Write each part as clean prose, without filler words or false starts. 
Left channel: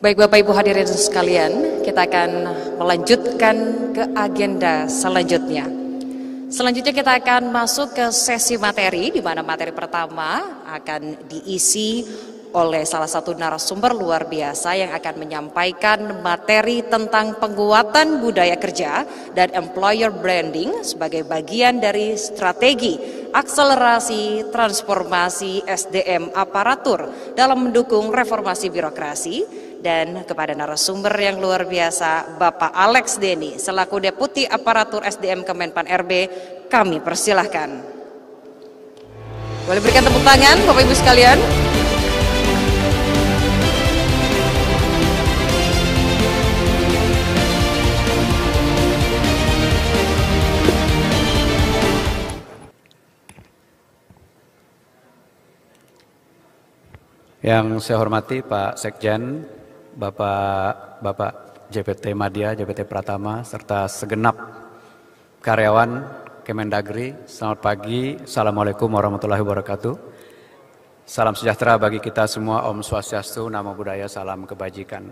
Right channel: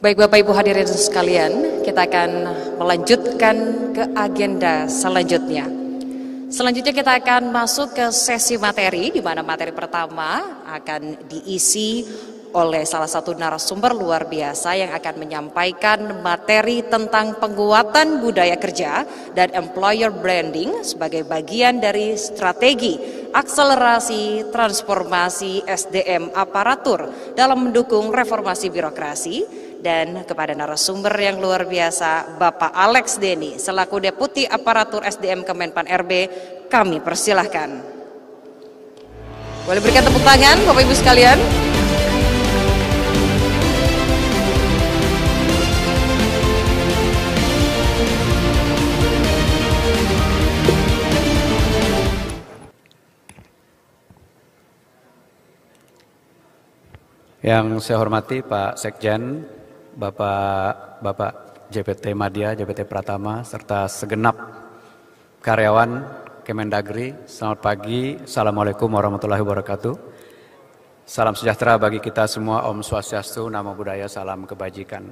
Baik Bapak Ibu hadirin sekalian, kita akan melanjutkan ke agenda selanjutnya. Selanjutnya kita akan masuk ke sesi materi, di mana materi pertama akan diisi oleh salah satu narasumber luar biasa yang akan menyampaikan materi tentang penguatan budaya kerja dan employer branding sebagai bagian dari strategi akselerasi transformasi SDM aparatur dalam mendukung reformasi birokrasi. Dan kepada narasumber yang luar biasa, Bapak Alex Denny selaku Deputi Aparatur SDM Kemenpan RB, kami persilahkan. Boleh berikan tepuk tangan Bapak Ibu sekalian. Yang saya hormati Pak Sekjen, Bapak JPT Madya, JPT Pratama, serta segenap karyawan Kemendagri. Selamat pagi, Assalamualaikum warahmatullahi wabarakatuh. Salam sejahtera bagi kita semua, Om Swastiastu, Namo Buddhaya, salam kebajikan.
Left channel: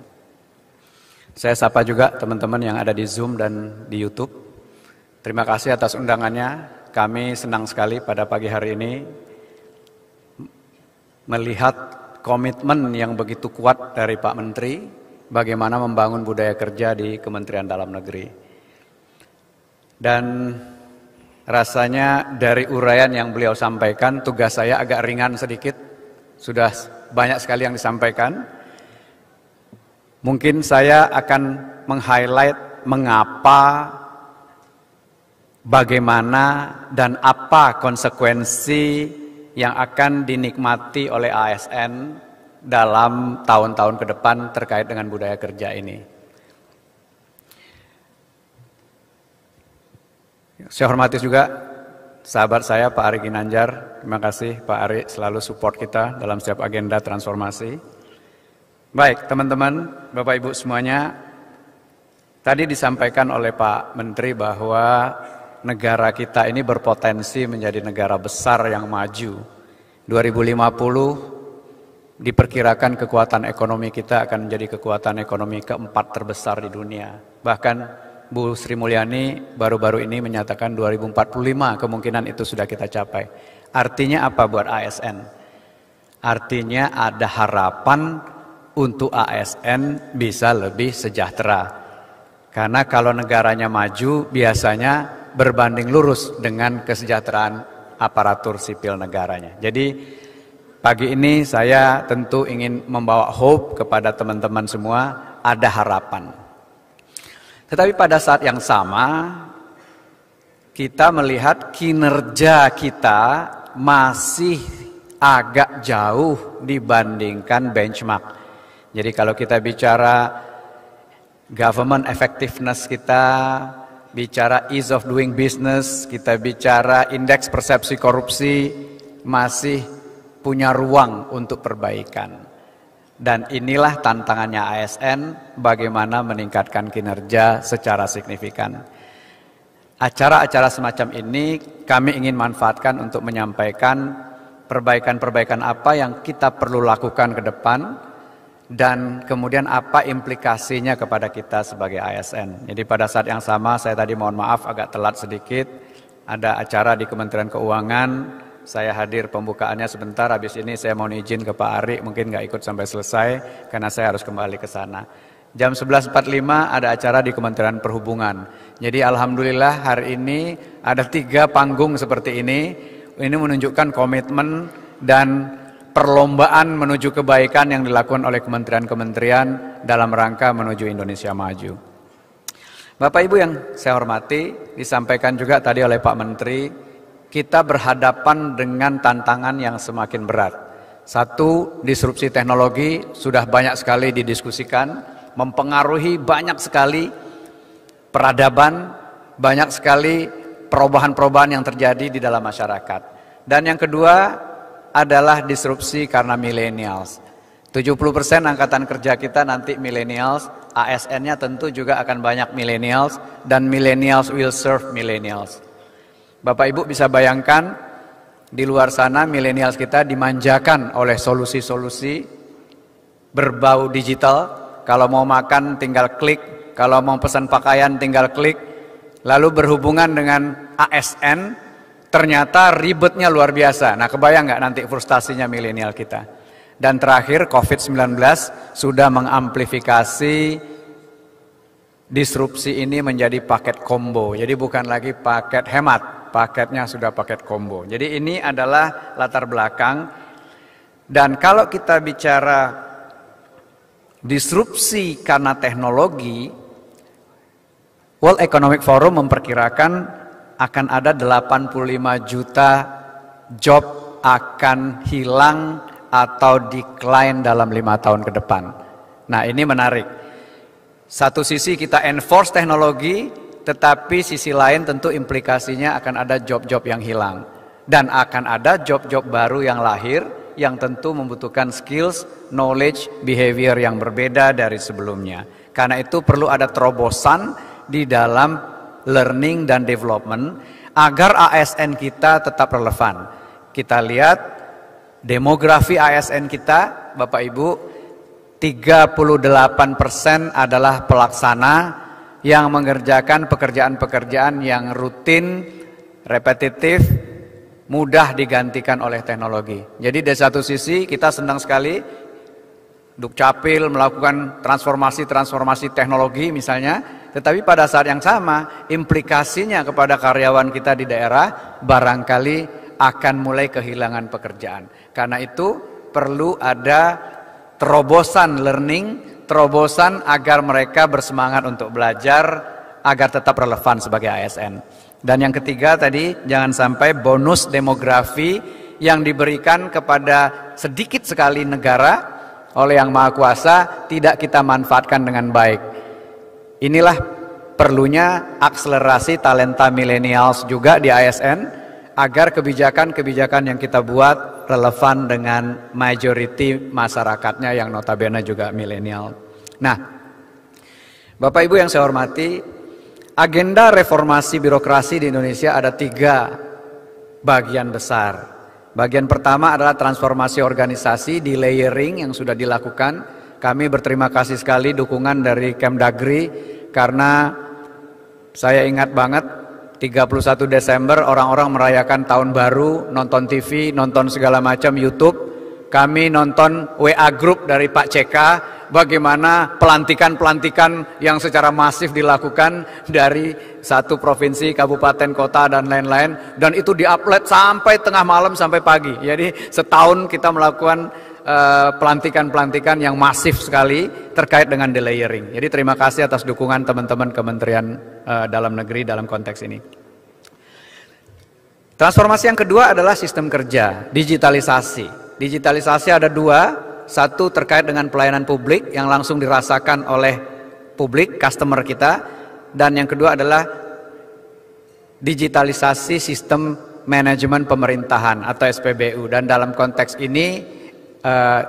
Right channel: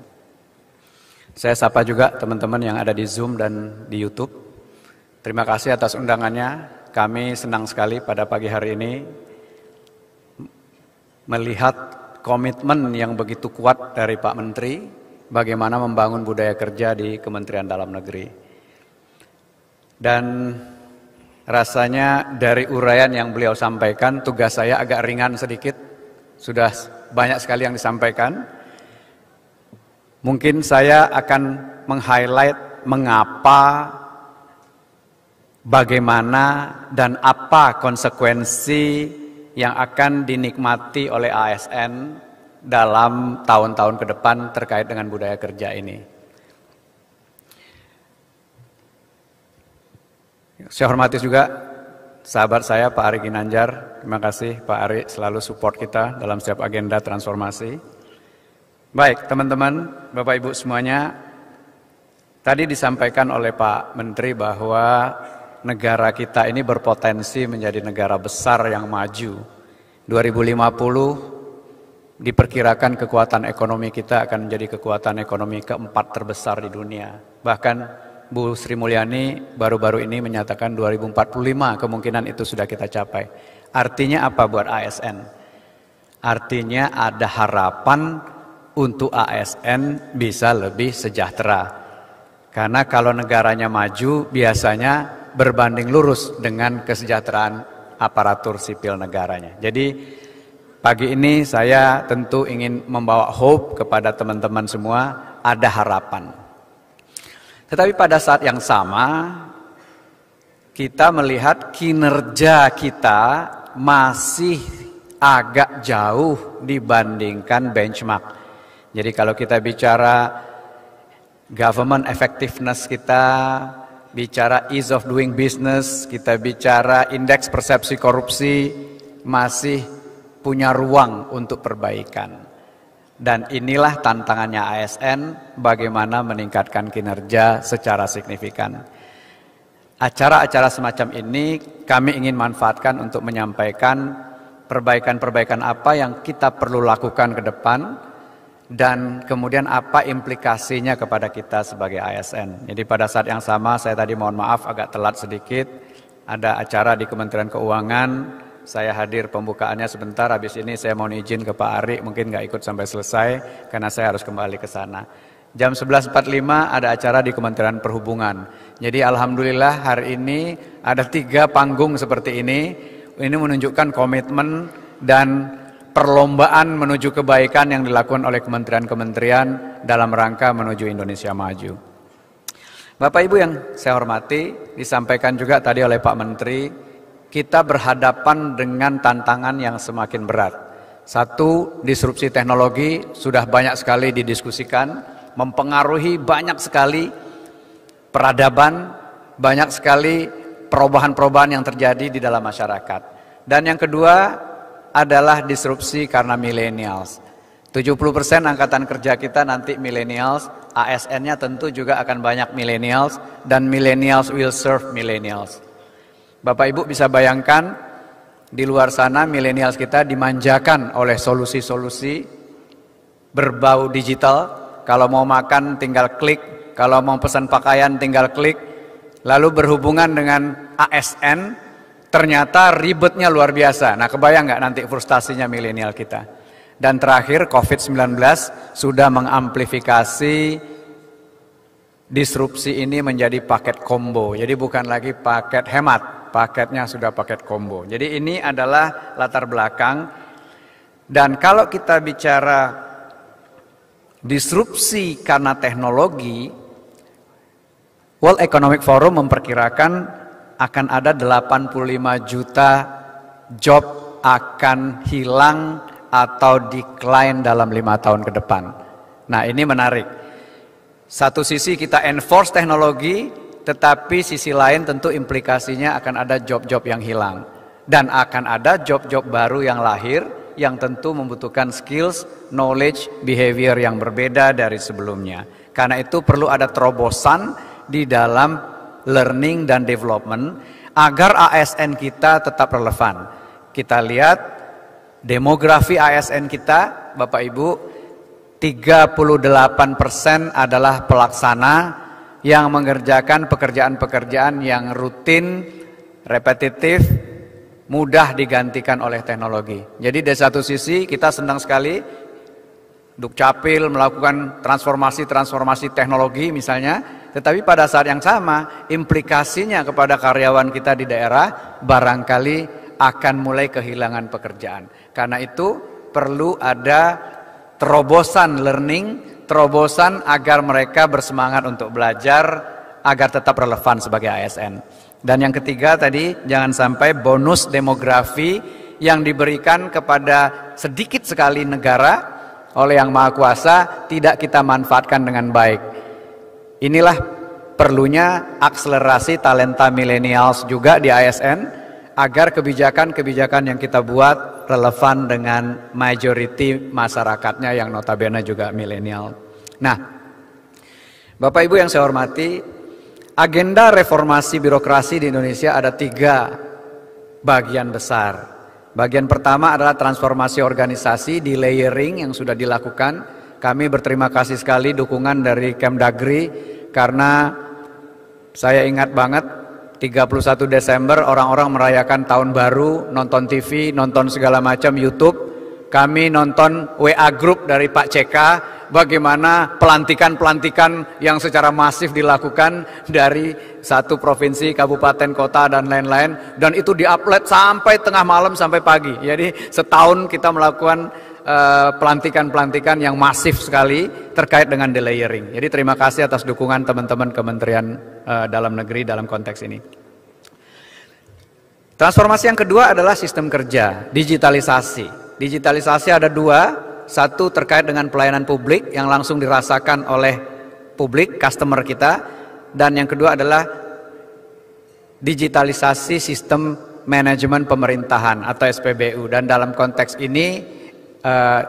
Saya sapa juga teman-teman yang ada di Zoom dan di YouTube. Terima kasih atas undangannya. Kami senang sekali pada pagi hari ini melihat komitmen yang begitu kuat dari Pak Menteri bagaimana membangun budaya kerja di Kementerian Dalam Negeri. Dan rasanya dari uraian yang beliau sampaikan, tugas saya agak ringan sedikit, sudah banyak sekali yang disampaikan. Mungkin saya akan meng-highlight mengapa, bagaimana, dan apa konsekuensi yang akan dinikmati oleh ASN dalam tahun-tahun ke depan terkait dengan budaya kerja ini. Saya hormati juga sahabat saya Pak Ari Ginanjar. Terima kasih Pak Ari selalu support kita dalam setiap agenda transformasi. Baik teman-teman, Bapak Ibu semuanya, tadi disampaikan oleh Pak Menteri bahwa negara kita ini berpotensi menjadi negara besar yang maju. 2050 diperkirakan kekuatan ekonomi kita akan menjadi kekuatan ekonomi keempat terbesar di dunia. Bahkan Bu Sri Mulyani baru-baru ini menyatakan 2045 kemungkinan itu sudah kita capai. Artinya apa buat ASN? Artinya ada harapan untuk ASN bisa lebih sejahtera. Karena kalau negaranya maju biasanya berbanding lurus dengan kesejahteraan aparatur sipil negaranya. Jadi pagi ini saya tentu ingin membawa hope kepada teman-teman semua, ada harapan. Tetapi pada saat yang sama kita melihat kinerja kita masih agak jauh dibandingkan benchmark. Jadi kalau kita bicara government effectiveness kita, bicara ease of doing business, kita bicara indeks persepsi korupsi, masih punya ruang untuk perbaikan. Dan inilah tantangannya ASN, bagaimana meningkatkan kinerja secara signifikan. Acara-acara semacam ini kami ingin manfaatkan untuk menyampaikan perbaikan-perbaikan apa yang kita perlu lakukan ke depan, dan kemudian apa implikasinya kepada kita sebagai ASN. Jadi pada saat yang sama saya tadi mohon maaf agak telat sedikit, ada acara di Kementerian Keuangan, saya hadir pembukaannya sebentar, habis ini saya mohon izin ke Pak Ari, mungkin nggak ikut sampai selesai karena saya harus kembali ke sana. Jam 11.45 ada acara di Kementerian Perhubungan. Jadi alhamdulillah hari ini ada 3 panggung seperti ini menunjukkan komitmen dan perlombaan menuju kebaikan yang dilakukan oleh kementerian-kementerian dalam rangka menuju Indonesia maju. Bapak Ibu yang saya hormati, disampaikan juga tadi oleh Pak Menteri, kita berhadapan dengan tantangan yang semakin berat. Satu, disrupsi teknologi sudah banyak sekali didiskusikan, mempengaruhi banyak sekali peradaban, banyak sekali perubahan-perubahan yang terjadi di dalam masyarakat. Dan yang kedua adalah disrupsi karena millennials. 70% angkatan kerja kita nanti millennials, ASN-nya tentu juga akan banyak millennials, dan millennials will serve millennials. Bapak Ibu bisa bayangkan di luar sana millennials kita dimanjakan oleh solusi-solusi berbau digital. kalau mau makan tinggal klik, kalau mau pesan pakaian tinggal klik. Lalu berhubungan dengan ASN, ternyata ribetnya luar biasa. Nah, kebayang nggak nanti frustasinya milenial kita. Dan terakhir COVID-19 sudah mengamplifikasi disrupsi ini menjadi paket combo. Jadi bukan lagi paket hemat, paketnya sudah paket combo. Jadi ini adalah latar belakang. Dan kalau kita bicara disrupsi karena teknologi, World Economic Forum memperkirakan akan ada 85 juta job akan hilang atau decline dalam 5 tahun ke depan. Nah, ini menarik. Satu sisi kita enforce teknologi, tetapi sisi lain tentu implikasinya akan ada job-job yang hilang. Dan akan ada job-job baru yang lahir, yang tentu membutuhkan skills, knowledge, behavior yang berbeda dari sebelumnya. Karena itu perlu ada terobosan di dalam learning dan development agar ASN kita tetap relevan. Kita lihat demografi ASN kita, Bapak Ibu, 38% adalah pelaksana yang mengerjakan pekerjaan-pekerjaan yang rutin, repetitif, mudah digantikan oleh teknologi. Jadi dari satu sisi kita senang sekali Dukcapil melakukan transformasi teknologi misalnya, tetapi pada saat yang sama implikasinya kepada karyawan kita di daerah barangkali akan mulai kehilangan pekerjaan. Karena itu perlu ada terobosan learning, terobosan agar mereka bersemangat untuk belajar agar tetap relevan sebagai ASN. Dan yang ketiga tadi, jangan sampai bonus demografi yang diberikan kepada sedikit sekali negara oleh Yang Maha Kuasa tidak kita manfaatkan dengan baik. Inilah perlunya akselerasi talenta millennials juga di ASN agar kebijakan-kebijakan yang kita buat relevan dengan majority masyarakatnya yang notabene juga milenial. Nah, Bapak Ibu yang saya hormati, agenda reformasi birokrasi di Indonesia ada 3 bagian besar. Bagian pertama adalah transformasi organisasi di layering yang sudah dilakukan. Kami berterima kasih sekali dukungan dari Kemdagri karena saya ingat banget 31 Desember orang-orang merayakan tahun baru, nonton TV, nonton segala macam YouTube. Kami nonton WA Group dari Pak CK, bagaimana pelantikan-pelantikan yang secara masif dilakukan dari satu provinsi, kabupaten, kota, dan lain-lain. Dan itu di-upload sampai tengah malam, sampai pagi. Jadi setahun kita melakukan pelantikan-pelantikan yang masif sekali terkait dengan delayering. Jadi terima kasih atas dukungan teman-teman Kementerian Dalam Negeri dalam konteks ini. Transformasi yang kedua adalah sistem kerja, digitalisasi. Digitalisasi ada 2, satu terkait dengan pelayanan publik yang langsung dirasakan oleh publik, customer kita, dan yang kedua adalah digitalisasi sistem manajemen pemerintahan atau SPBU. Dan dalam konteks ini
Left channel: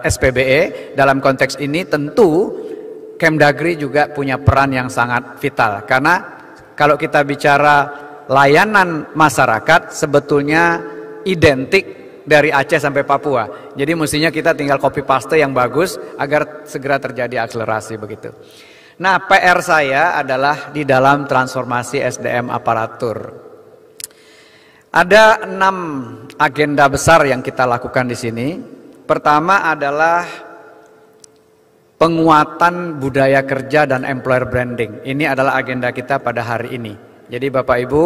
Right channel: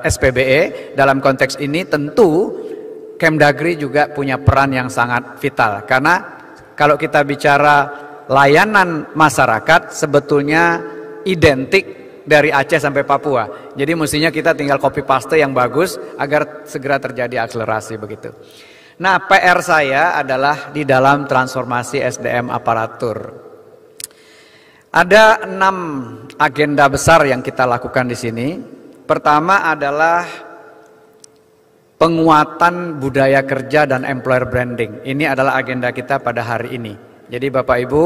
SPBE, dalam konteks ini tentu Kemdagri juga punya peran yang sangat vital. Karena kalau kita bicara layanan masyarakat sebetulnya identik dari Aceh sampai Papua. Jadi mestinya kita tinggal copy paste yang bagus agar segera terjadi akselerasi begitu. Nah, PR saya adalah di dalam transformasi SDM aparatur. Ada 6 agenda besar yang kita lakukan di sini. Pertama adalah penguatan budaya kerja dan employer branding. Ini adalah agenda kita pada hari ini. Jadi Bapak Ibu,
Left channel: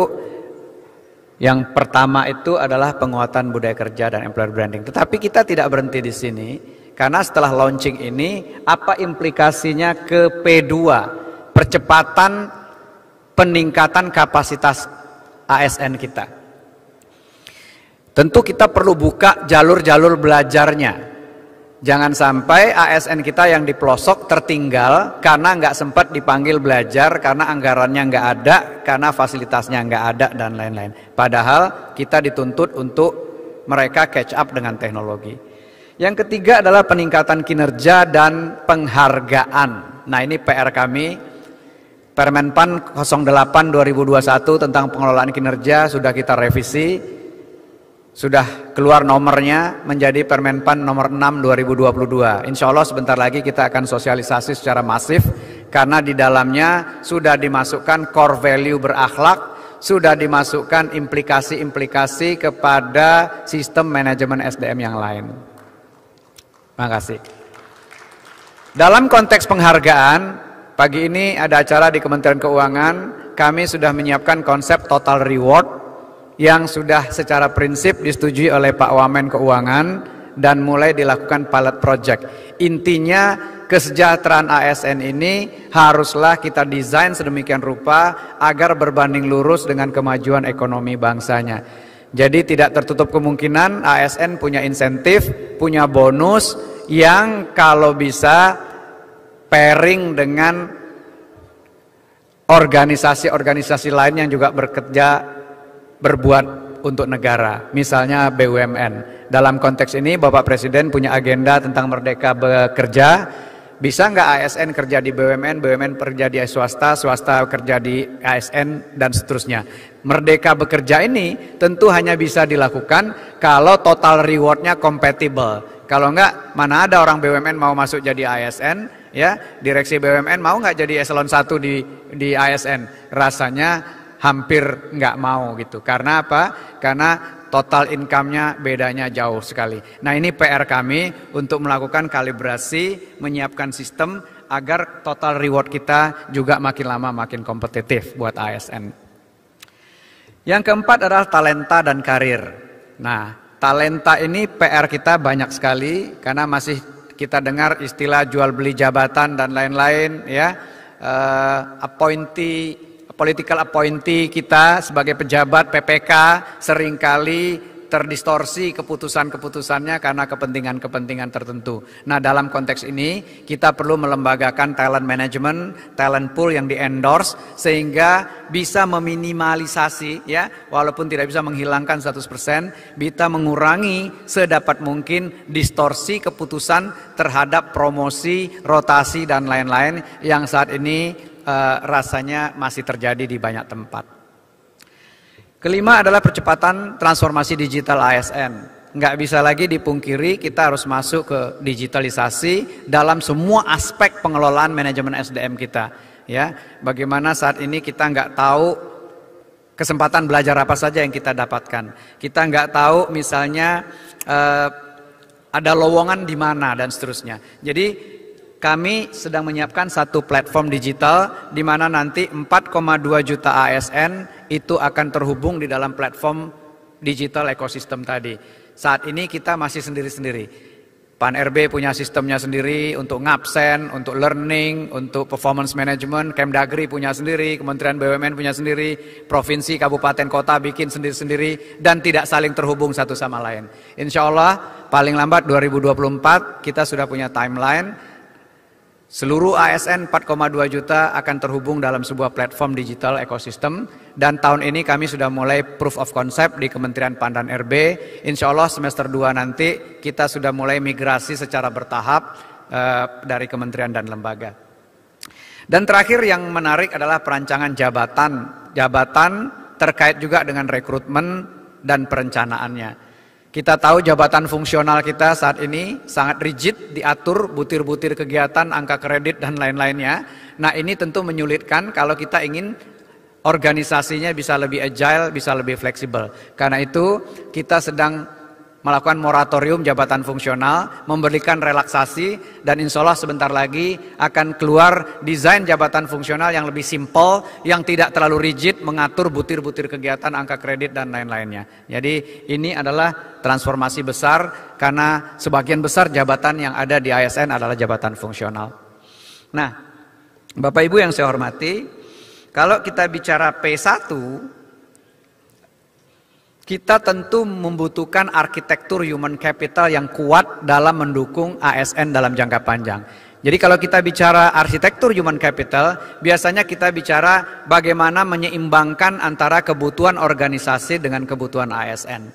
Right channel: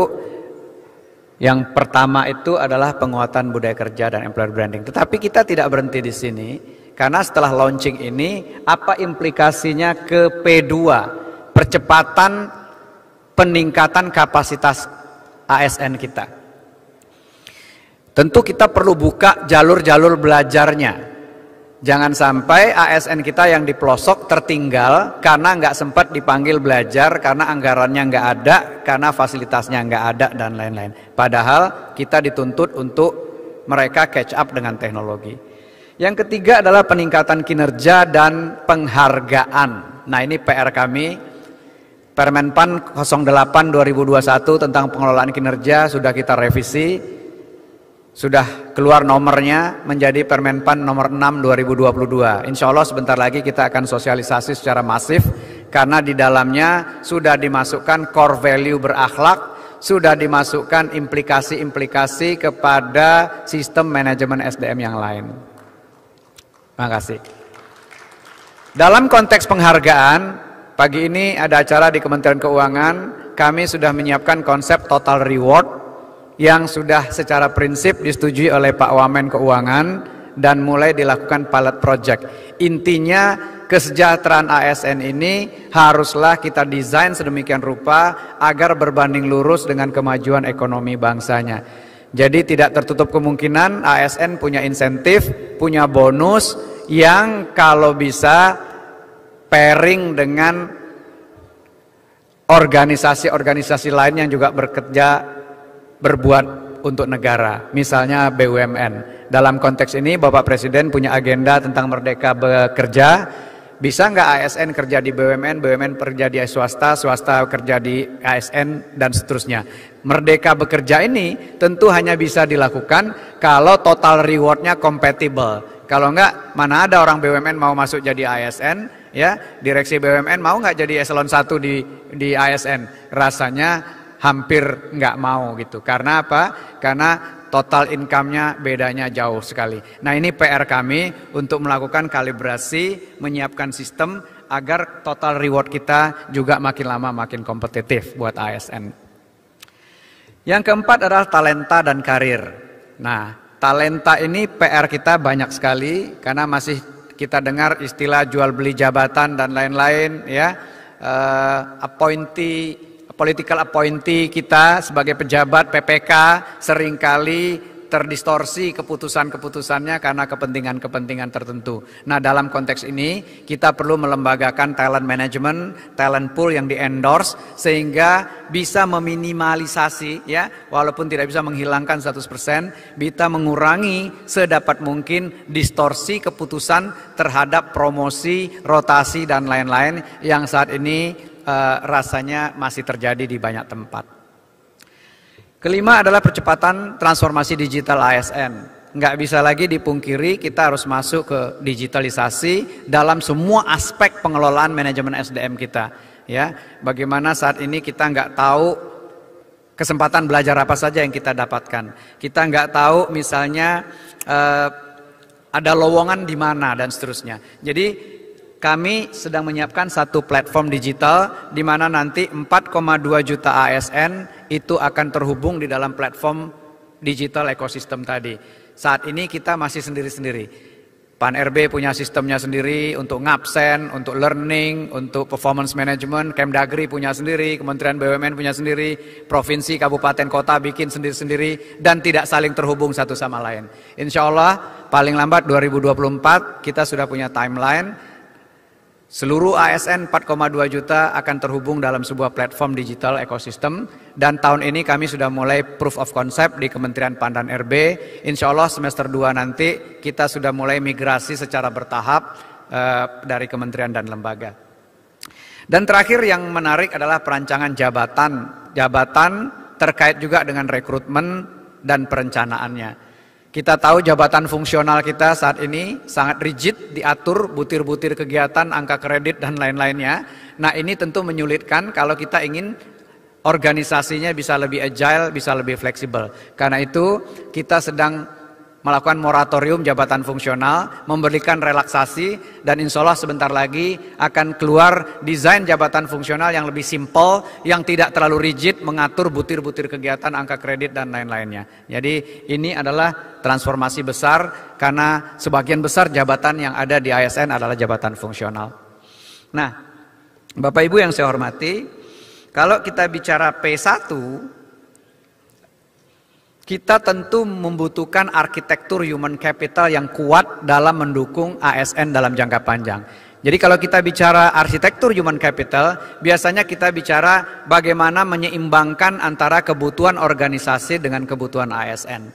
yang pertama itu adalah penguatan budaya kerja dan employer branding. Tetapi kita tidak berhenti di sini, karena setelah launching ini, apa implikasinya ke P2, percepatan peningkatan kapasitas ASN kita. Tentu kita perlu buka jalur-jalur belajarnya. Jangan sampai ASN kita yang di pelosok tertinggal karena nggak sempat dipanggil belajar, karena anggarannya nggak ada, karena fasilitasnya nggak ada, dan lain-lain. Padahal kita dituntut untuk mereka catch up dengan teknologi. Yang ketiga adalah peningkatan kinerja dan penghargaan. Nah, ini PR kami. Permenpan 08 2021 tentang pengelolaan kinerja sudah kita revisi. sudah keluar nomornya menjadi Permenpan nomor 6 2022. Insya Allah sebentar lagi kita akan sosialisasi secara masif karena di dalamnya sudah dimasukkan core value berakhlak, sudah dimasukkan implikasi-implikasi kepada sistem manajemen SDM yang lain. Terima kasih. Dalam konteks penghargaan, pagi ini ada acara di Kementerian Keuangan, kami sudah menyiapkan konsep total reward yang sudah secara prinsip disetujui oleh Pak Wamen Keuangan dan mulai dilakukan pilot project. Intinya kesejahteraan ASN ini haruslah kita desain sedemikian rupa agar berbanding lurus dengan kemajuan ekonomi bangsanya. Jadi tidak tertutup kemungkinan ASN punya insentif, punya bonus yang kalau bisa pairing dengan organisasi-organisasi lain yang juga berbuat untuk negara, misalnya BUMN. Dalam konteks ini Bapak Presiden punya agenda tentang Merdeka Bekerja. Bisa nggak ASN kerja di BUMN, BUMN kerja di swasta, swasta kerja di ASN, dan seterusnya. Merdeka Bekerja ini tentu hanya bisa dilakukan kalau total rewardnya compatible. Kalau nggak, mana ada orang BUMN mau masuk jadi ASN, ya, direksi BUMN mau nggak jadi eselon 1 di ASN? Rasanya hampir nggak mau gitu. Karena apa? Karena total income-nya bedanya jauh sekali. Nah, ini PR kami untuk melakukan kalibrasi, menyiapkan sistem agar total reward kita juga makin lama makin kompetitif buat ASN. Yang keempat adalah talenta dan karir. Nah, talenta ini PR kita banyak sekali karena masih kita dengar istilah jual beli jabatan dan lain-lain, ya. Political appointee kita sebagai pejabat PPK seringkali terdistorsi keputusan-keputusannya karena kepentingan-kepentingan tertentu. Nah, dalam konteks ini kita perlu melembagakan talent management, talent pool yang di-endorse sehingga bisa meminimalisasi, ya, walaupun tidak bisa menghilangkan 100%, bisa mengurangi sedapat mungkin distorsi keputusan terhadap promosi, rotasi dan lain-lain yang saat ini rasanya masih terjadi di banyak tempat. Kelima adalah percepatan transformasi digital ASN. Nggak bisa lagi dipungkiri kita harus masuk ke digitalisasi dalam semua aspek pengelolaan manajemen SDM kita. Ya, bagaimana saat ini kita nggak tahu kesempatan belajar apa saja yang kita dapatkan. Kita nggak tahu misalnya ada lowongan di mana dan seterusnya. Jadi kami sedang menyiapkan satu platform digital di mana nanti 4,2 juta ASN itu akan terhubung di dalam platform digital ekosistem tadi. Saat ini kita masih sendiri-sendiri. Pan RB punya sistemnya sendiri untuk ngabsen, untuk learning, untuk performance management, Kemdagri punya sendiri, Kementerian BUMN punya sendiri, provinsi, kabupaten, kota bikin sendiri-sendiri dan tidak saling terhubung satu sama lain. Insya Allah paling lambat 2024 kita sudah punya timeline. Seluruh ASN 4,2 juta akan terhubung dalam sebuah platform digital ekosistem. Dan tahun ini kami sudah mulai proof of concept di Kementerian PAN dan RB. Insya Allah semester 2 nanti kita sudah mulai migrasi secara bertahap dari kementerian dan lembaga. Dan terakhir yang menarik adalah perancangan jabatan. Jabatan terkait juga dengan rekrutmen dan perencanaannya. Kita tahu jabatan fungsional kita saat ini sangat rigid, diatur butir-butir kegiatan, angka kredit dan lain-lainnya. Nah, ini tentu menyulitkan kalau kita ingin organisasinya bisa lebih agile, bisa lebih fleksibel. Karena itu kita sedang melakukan moratorium jabatan fungsional, memberikan relaksasi, dan insya Allah sebentar lagi akan keluar desain jabatan fungsional yang lebih simpel, yang tidak terlalu rigid, mengatur butir-butir kegiatan, angka kredit, dan lain-lainnya. Jadi ini adalah transformasi besar, karena sebagian besar jabatan yang ada di ASN adalah jabatan fungsional. Nah, Bapak Ibu yang saya hormati, kalau kita bicara P1, kita tentu membutuhkan arsitektur human capital yang kuat dalam mendukung ASN dalam jangka panjang. Jadi kalau kita bicara arsitektur human capital, biasanya kita bicara bagaimana menyeimbangkan antara kebutuhan organisasi dengan kebutuhan ASN.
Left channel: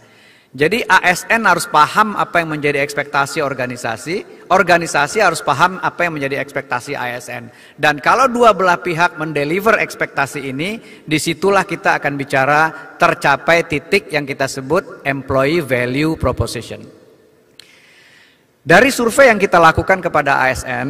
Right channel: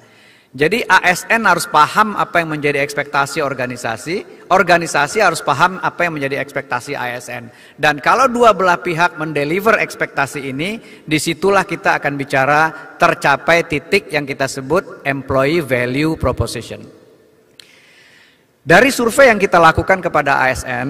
Jadi ASN harus paham apa yang menjadi ekspektasi organisasi, organisasi harus paham apa yang menjadi ekspektasi ASN. Dan kalau dua belah pihak mendeliver ekspektasi ini, disitulah kita akan bicara tercapai titik yang kita sebut employee value proposition. Dari survei yang kita lakukan kepada ASN,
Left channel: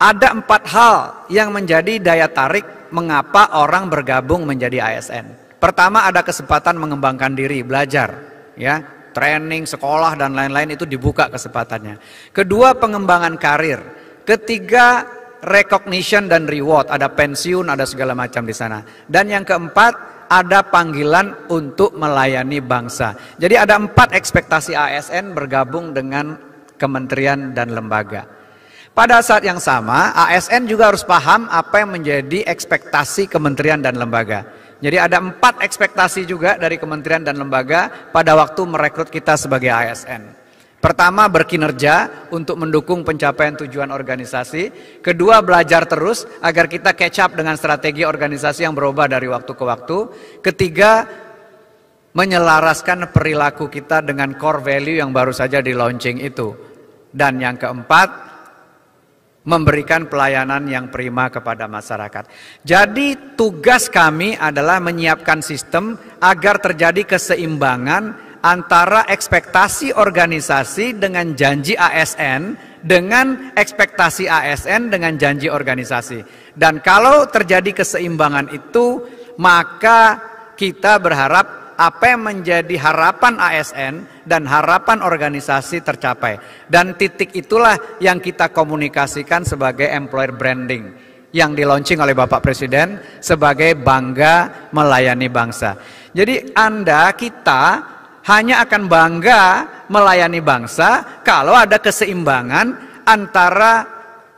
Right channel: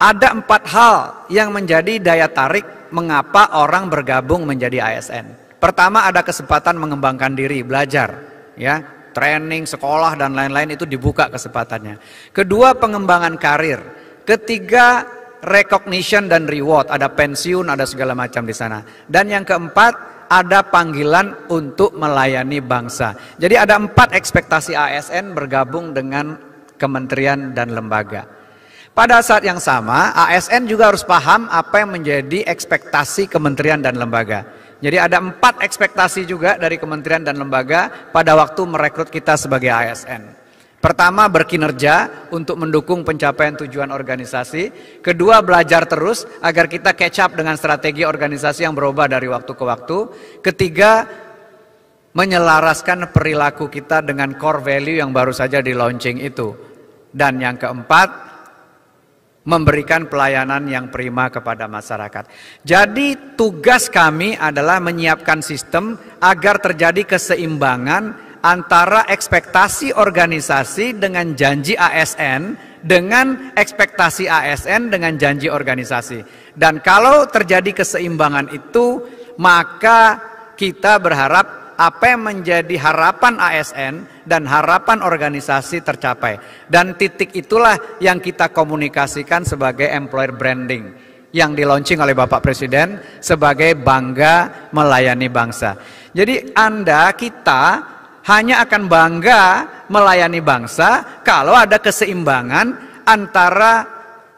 ada 4 hal yang menjadi daya tarik mengapa orang bergabung menjadi ASN. Pertama, ada kesempatan mengembangkan diri, belajar, ya, training, sekolah dan lain-lain itu dibuka kesempatannya. Kedua, pengembangan karir. Ketiga, recognition dan reward, ada pensiun, ada segala macam di sana. Dan yang keempat, ada panggilan untuk melayani bangsa. Jadi ada 4 ekspektasi ASN bergabung dengan kementerian dan lembaga. Pada saat yang sama, ASN juga harus paham apa yang menjadi ekspektasi kementerian dan lembaga. Jadi ada 4 ekspektasi juga dari kementerian dan lembaga pada waktu merekrut kita sebagai ASN. Pertama, berkinerja untuk mendukung pencapaian tujuan organisasi. Kedua, belajar terus agar kita catch up dengan strategi organisasi yang berubah dari waktu ke waktu. Ketiga, menyelaraskan perilaku kita dengan core value yang baru saja di launching itu. Dan yang keempat, memberikan pelayanan yang prima kepada masyarakat. Jadi tugas kami adalah menyiapkan sistem agar terjadi keseimbangan antara ekspektasi organisasi dengan janji ASN, dengan ekspektasi ASN dengan janji organisasi. Dan kalau terjadi keseimbangan itu, maka kita berharap apa yang menjadi harapan ASN dan harapan organisasi tercapai. Dan titik itulah yang kita komunikasikan sebagai employer branding yang di-launching oleh Bapak Presiden sebagai bangga melayani bangsa. Jadi kita hanya akan bangga melayani bangsa kalau ada keseimbangan antara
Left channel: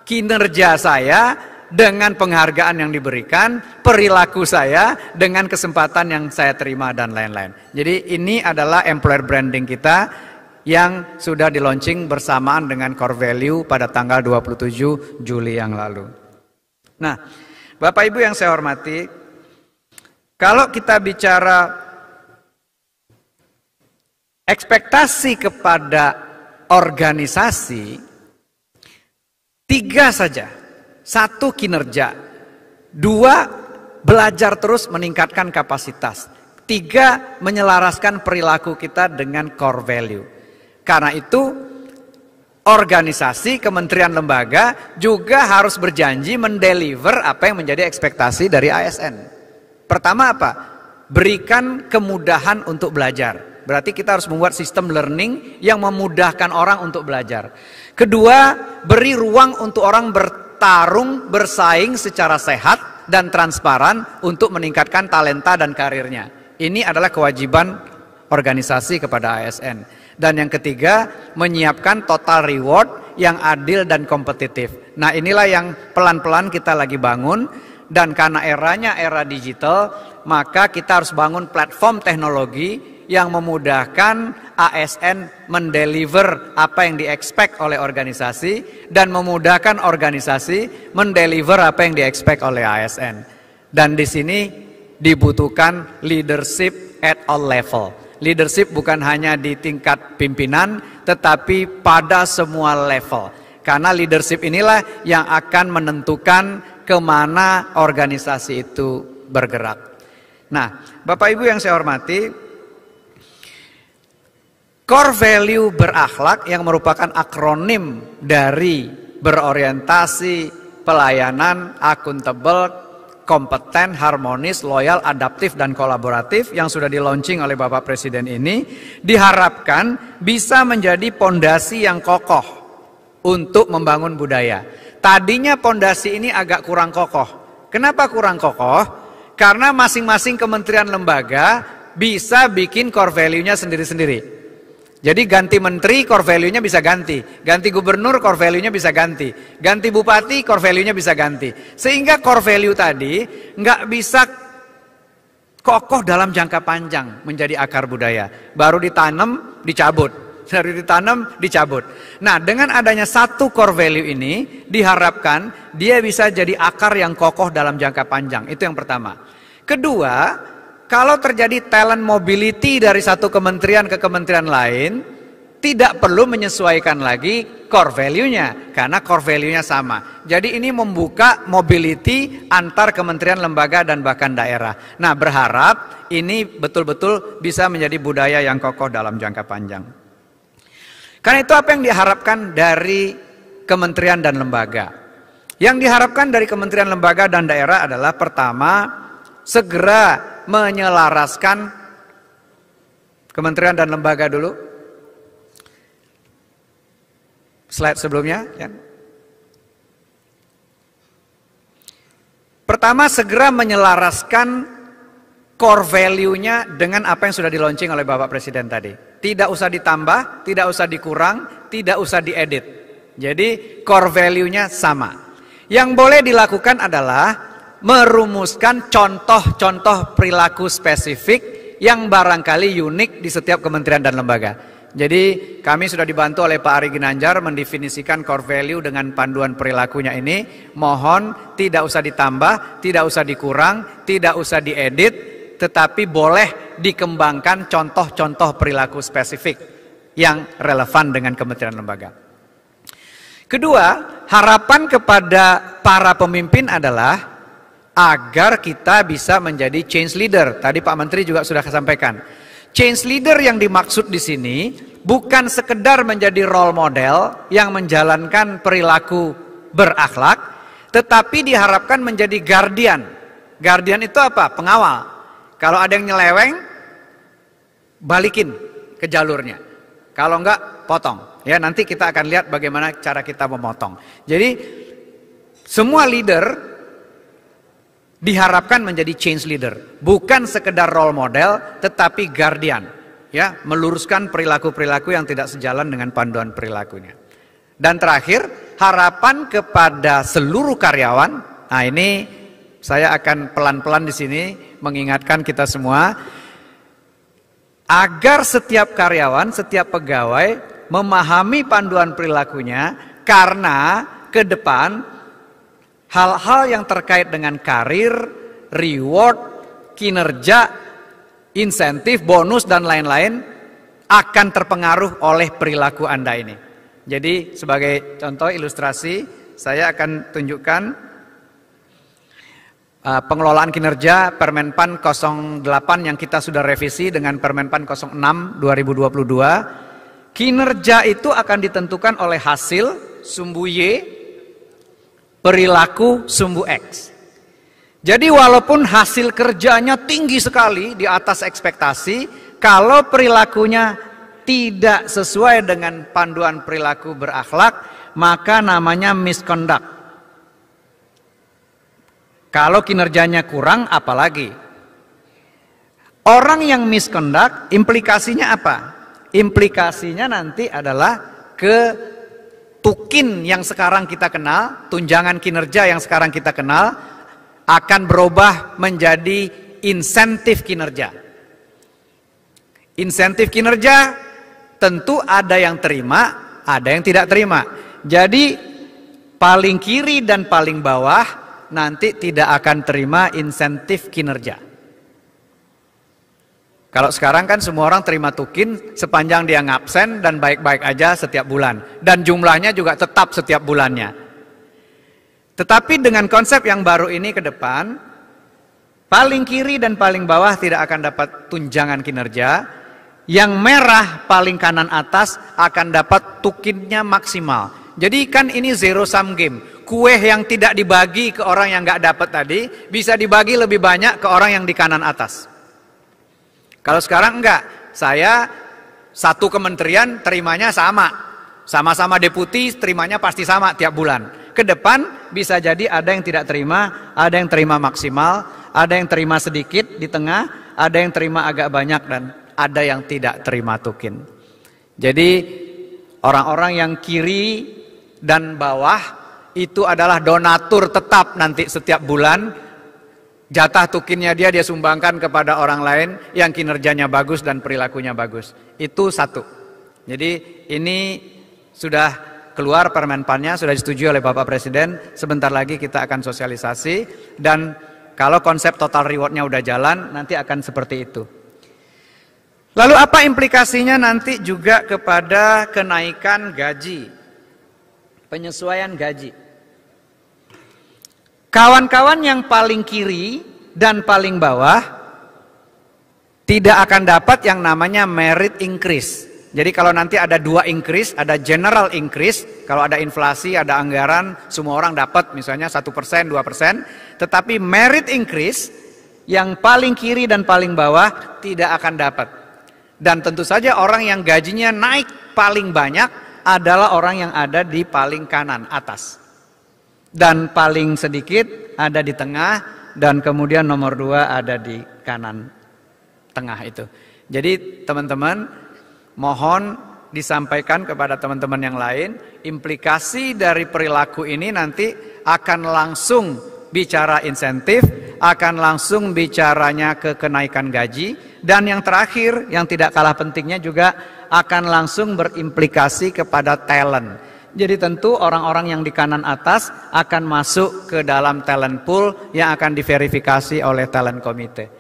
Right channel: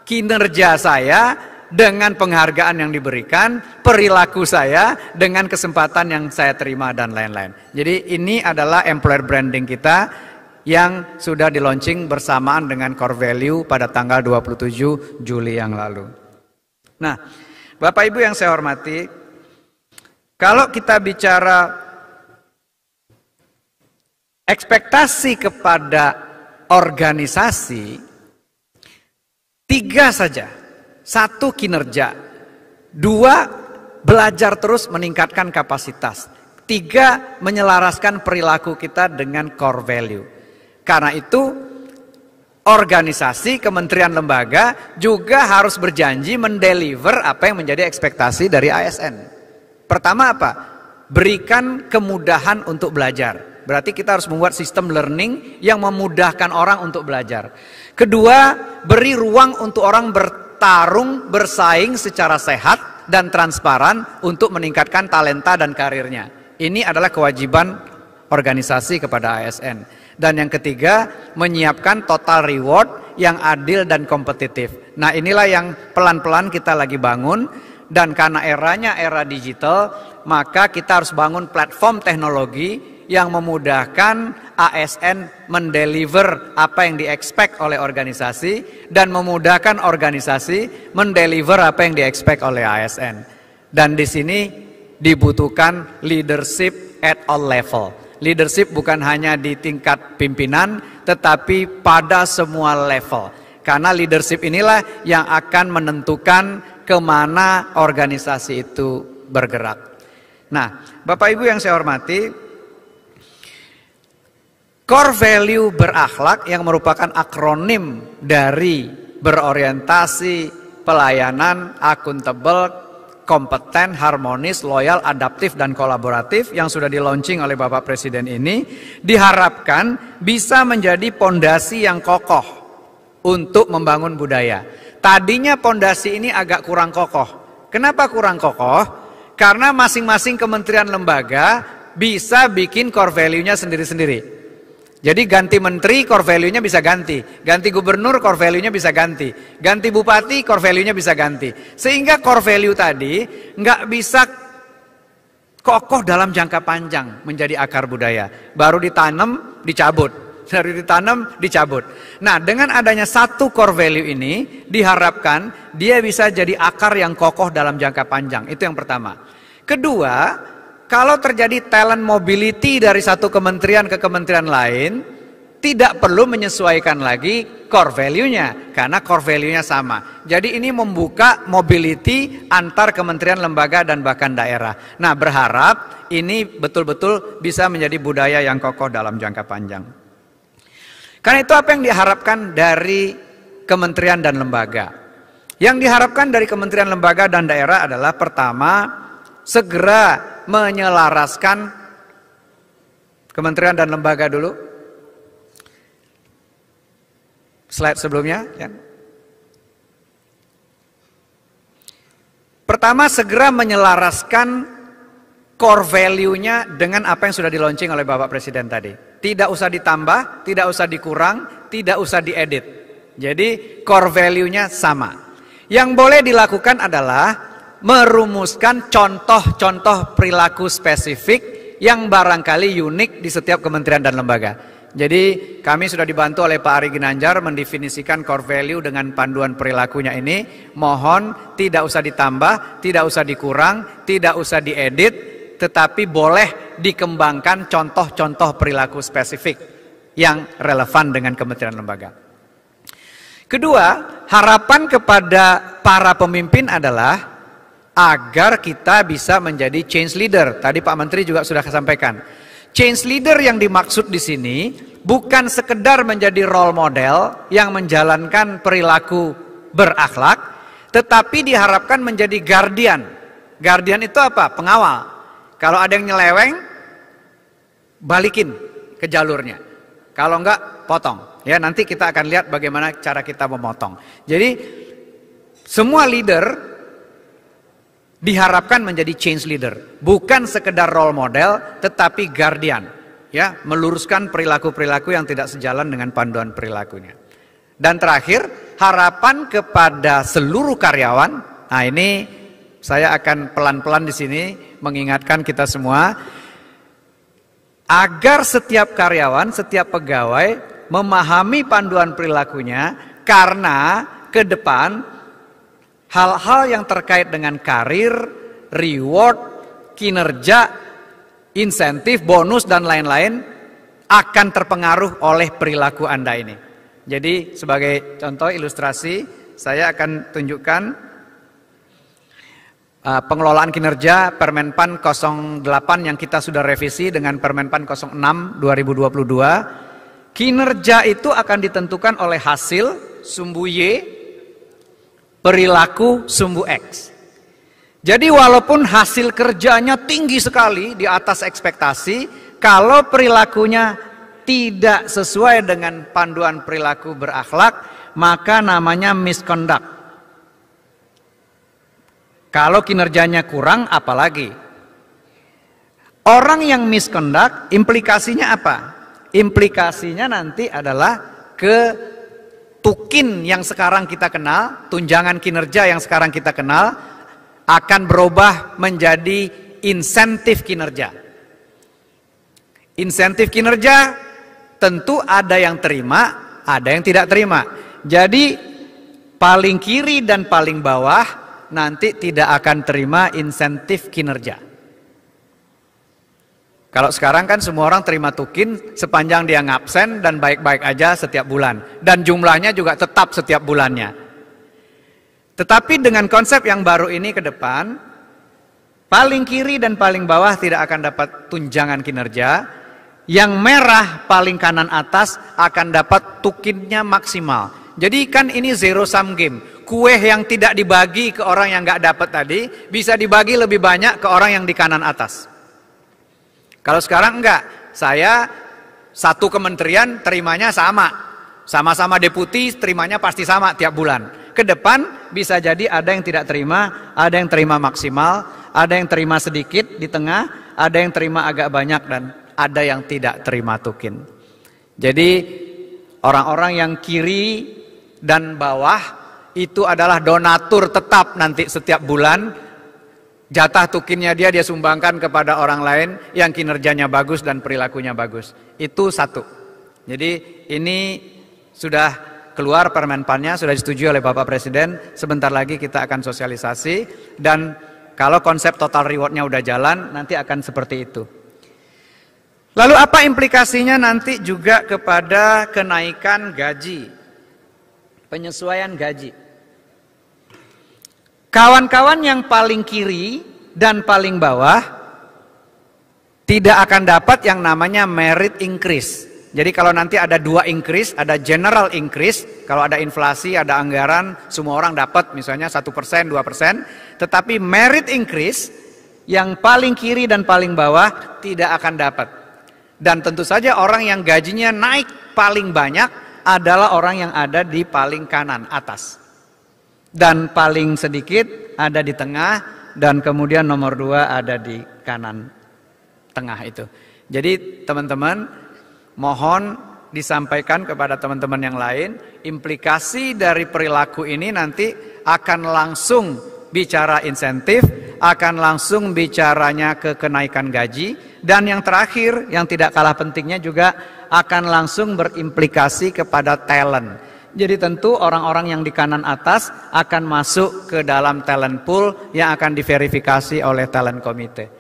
kinerja saya dengan penghargaan yang diberikan, perilaku saya dengan kesempatan yang saya terima dan lain-lain. Jadi ini adalah employer branding kita yang sudah di-launching bersamaan dengan core value pada tanggal 27 Juli yang lalu. Nah, Bapak Ibu yang saya hormati, kalau kita bicara ekspektasi kepada organisasi, 3 saja. 1, kinerja. 2, belajar terus meningkatkan kapasitas. 3, menyelaraskan perilaku kita dengan core value. Karena itu, organisasi, kementerian, lembaga juga harus berjanji mendeliver apa yang menjadi ekspektasi dari ASN. Pertama apa? Berikan kemudahan untuk belajar. Berarti kita harus membuat sistem learning yang memudahkan orang untuk belajar. Kedua, beri ruang untuk orang bertarung, bersaing secara sehat dan transparan untuk meningkatkan talenta dan karirnya. Ini adalah kewajiban organisasi kepada ASN. Dan yang ketiga, menyiapkan total reward yang adil dan kompetitif. Nah, inilah yang pelan-pelan kita lagi bangun. Dan karena eranya era digital, maka kita harus bangun platform teknologi yang memudahkan ASN mendeliver apa yang di-expect oleh organisasi dan memudahkan organisasi mendeliver apa yang di-expect oleh ASN. Dan di sini dibutuhkan leadership at all level. Leadership bukan hanya di tingkat pimpinan, tetapi pada semua level. Karena leadership inilah yang akan menentukan kemana organisasi itu bergerak. Nah, Bapak Ibu yang saya hormati, core value berakhlak yang merupakan akronim dari berorientasi, pelayanan, akuntabel, kompeten, harmonis, loyal, adaptif, dan kolaboratif yang sudah di-launching oleh Bapak Presiden ini diharapkan bisa menjadi pondasi yang kokoh untuk membangun budaya. Tadinya pondasi ini agak kurang kokoh. Kenapa kurang kokoh? Karena masing-masing kementerian lembaga bisa bikin core value-nya sendiri-sendiri. Jadi ganti menteri, core value-nya bisa ganti. Ganti gubernur, core value-nya bisa ganti. Ganti bupati, core value-nya bisa ganti. Sehingga core value tadi nggak bisa kokoh dalam jangka panjang menjadi akar budaya. Baru ditanam, dicabut. Baru ditanam, dicabut. Nah, dengan adanya satu core value ini, diharapkan dia bisa jadi akar yang kokoh dalam jangka panjang. Itu yang pertama. Kedua, kalau terjadi talent mobility dari satu kementerian ke kementerian lain, tidak perlu menyesuaikan lagi core value-nya, karena core value-nya sama. Jadi ini membuka mobility antar kementerian, lembaga, dan bahkan daerah. Nah, berharap ini betul-betul bisa menjadi budaya yang kokoh dalam jangka panjang. Karena itu apa yang diharapkan dari kementerian dan lembaga? Yang diharapkan dari kementerian, lembaga, dan daerah adalah pertama, segera menyelaraskan kementerian dan lembaga dulu. Slide sebelumnya. Ya. Pertama, segera menyelaraskan core value-nya dengan apa yang sudah di-launching oleh Bapak Presiden tadi. Tidak usah ditambah, tidak usah dikurang, tidak usah diedit. Jadi core value-nya sama. Yang boleh dilakukan adalah merumuskan contoh-contoh perilaku spesifik yang barangkali unik di setiap kementerian dan lembaga. Jadi kami sudah dibantu oleh Pak Ari Ginanjar mendefinisikan core value dengan panduan perilakunya ini. Mohon tidak usah ditambah, tidak usah dikurang, tidak usah diedit, tetapi boleh dikembangkan contoh-contoh perilaku spesifik yang relevan dengan kementerian lembaga. Kedua, harapan kepada para pemimpin adalah agar kita bisa menjadi change leader. Tadi Pak Menteri juga sudah sampaikan. Change leader yang dimaksud di sini bukan sekedar menjadi role model yang menjalankan perilaku berakhlak, tetapi diharapkan menjadi guardian. Guardian itu apa? Pengawal. Kalau ada yang nyeleweng, balikin ke jalurnya. Kalau enggak, potong. Ya, nanti kita akan lihat bagaimana cara kita memotong. Jadi semua leader diharapkan menjadi change leader, bukan sekedar role model, tetapi guardian, ya, meluruskan perilaku-perilaku yang tidak sejalan dengan panduan perilakunya. Dan terakhir, harapan kepada seluruh karyawan. Nah, ini saya akan pelan-pelan di sini mengingatkan kita semua agar setiap karyawan, setiap pegawai memahami panduan perilakunya, karena ke depan hal-hal yang terkait dengan karir, reward, kinerja, insentif, bonus, dan lain-lain akan terpengaruh oleh perilaku Anda ini. Jadi sebagai contoh ilustrasi, saya akan tunjukkan pengelolaan kinerja Permenpan 08 yang kita sudah revisi dengan Permenpan 06 2022. Kinerja itu akan ditentukan oleh hasil, sumbu Y, perilaku sumbu X. Jadi walaupun hasil kerjanya tinggi sekali di atas ekspektasi, kalau perilakunya tidak sesuai dengan panduan perilaku berakhlak, maka namanya misconduct. Kalau kinerjanya kurang, apalagi. Orang yang misconduct, implikasinya apa? Implikasinya nanti adalah ke tukin yang sekarang kita kenal, tunjangan kinerja yang sekarang kita kenal, akan berubah menjadi insentif kinerja. Insentif kinerja tentu ada yang terima, ada yang tidak terima. Jadi paling kiri dan paling bawah nanti tidak akan terima insentif kinerja. Kalau sekarang kan semua orang terima tukin sepanjang dia ngabsen dan baik-baik aja setiap bulan. Dan jumlahnya juga tetap setiap bulannya. Tetapi dengan konsep yang baru ini ke depan, paling kiri dan paling bawah tidak akan dapat tunjangan kinerja. Yang merah paling kanan atas akan dapat tukinnya maksimal. Jadi kan ini zero sum game. Kue yang tidak dibagi ke orang yang nggak dapat tadi, bisa dibagi lebih banyak ke orang yang di kanan atas. Kalau sekarang enggak, saya satu kementerian terimanya sama. Sama-sama deputi terimanya pasti sama tiap bulan. Ke depan bisa jadi ada yang tidak terima, ada yang terima maksimal, ada yang terima sedikit di tengah, ada yang terima agak banyak, dan ada yang tidak terima tukin. Jadi orang-orang yang kiri dan bawah itu adalah donatur tetap nanti setiap bulan. Jatah tukinnya dia sumbangkan kepada orang lain yang kinerjanya bagus dan perilakunya bagus. Itu satu. Jadi ini sudah keluar permenpannya, sudah disetujui oleh Bapak Presiden. Sebentar lagi kita akan sosialisasi. Dan Kalau konsep total rewardnya udah jalan, nanti akan seperti itu. Lalu apa implikasinya nanti juga kepada kenaikan gaji, penyesuaian gaji. Kawan-kawan yang paling kiri dan paling bawah tidak akan dapat yang namanya merit increase. Jadi kalau nanti ada 2 increase, ada general increase, kalau ada inflasi, ada anggaran, semua orang dapat misalnya 1%, 2%. Tetapi merit increase yang paling kiri dan paling bawah tidak akan dapat. Dan tentu saja orang yang gajinya naik paling banyak adalah orang yang ada di paling kanan atas. Dan paling sedikit ada di tengah, dan kemudian nomor 2 ada di kanan tengah itu. Jadi teman-teman, mohon disampaikan kepada teman-teman yang lain, implikasi dari perilaku ini nanti akan langsung bicara insentif, akan langsung bicaranya ke kenaikan gaji, dan yang terakhir, yang tidak kalah pentingnya juga akan langsung berimplikasi kepada talent. Jadi tentu orang-orang yang di kanan atas akan masuk ke dalam talent pool yang akan diverifikasi oleh talent committee.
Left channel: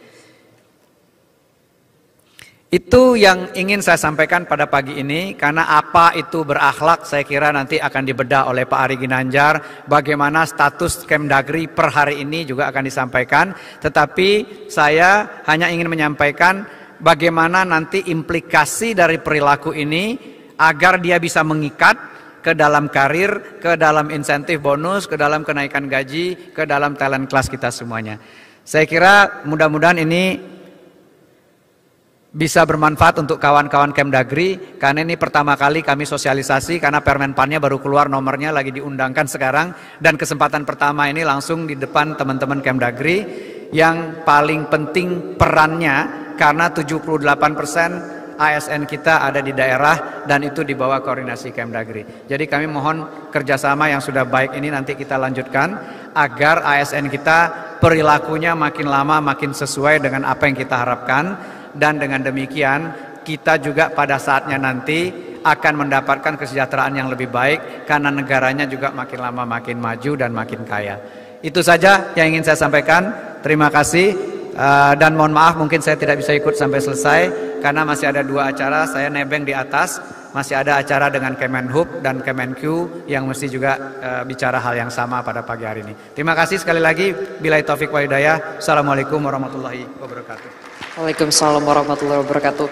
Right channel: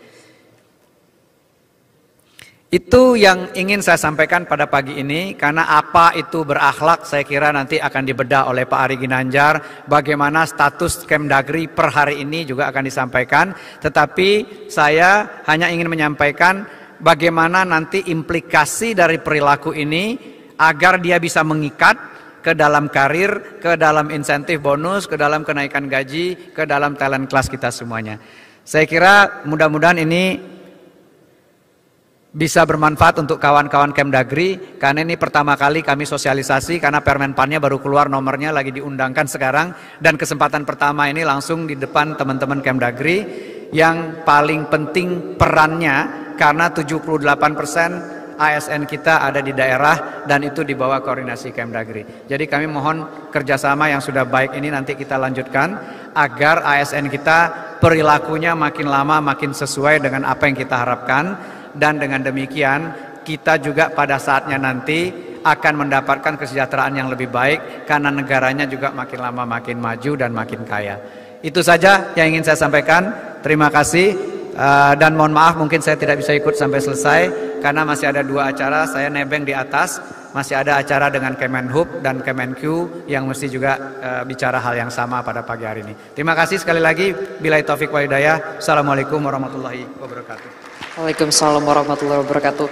Itu yang ingin saya sampaikan pada pagi ini, karena apa itu berakhlak saya kira nanti akan dibedah oleh Pak Ari Ginanjar. Bagaimana status Kemdagri per hari ini juga akan disampaikan. Tetapi saya hanya ingin menyampaikan bagaimana nanti implikasi dari perilaku ini agar dia bisa mengikat ke dalam karir, ke dalam insentif bonus, ke dalam kenaikan gaji, ke dalam talent class kita semuanya. Saya kira mudah-mudahan ini bisa bermanfaat untuk kawan-kawan Kemdagri, karena ini pertama kali kami sosialisasi, karena Permenpannya baru keluar, nomornya lagi diundangkan sekarang, dan kesempatan pertama ini langsung di depan teman-teman Kemdagri yang paling penting perannya, karena 78% ASN kita ada di daerah dan itu di bawah koordinasi Kemdagri. Jadi kami mohon kerjasama yang sudah baik ini nanti kita lanjutkan agar ASN kita perilakunya makin lama makin sesuai dengan apa yang kita harapkan. Dan dengan demikian kita juga pada saatnya nanti akan mendapatkan kesejahteraan yang lebih baik, karena negaranya juga makin lama makin maju dan makin kaya. Itu saja yang ingin saya sampaikan. Terima kasih dan mohon maaf mungkin saya tidak bisa ikut sampai selesai karena masih ada 2 acara. Saya nebeng di atas, masih ada acara dengan Kemenhub dan Kemenq yang mesti juga bicara hal yang sama pada pagi hari ini. Terima kasih sekali lagi. Billahi taufik wal hidayah. Assalamualaikum warahmatullahi wabarakatuh. Waalaikumsalam warahmatullahi wabarakatuh.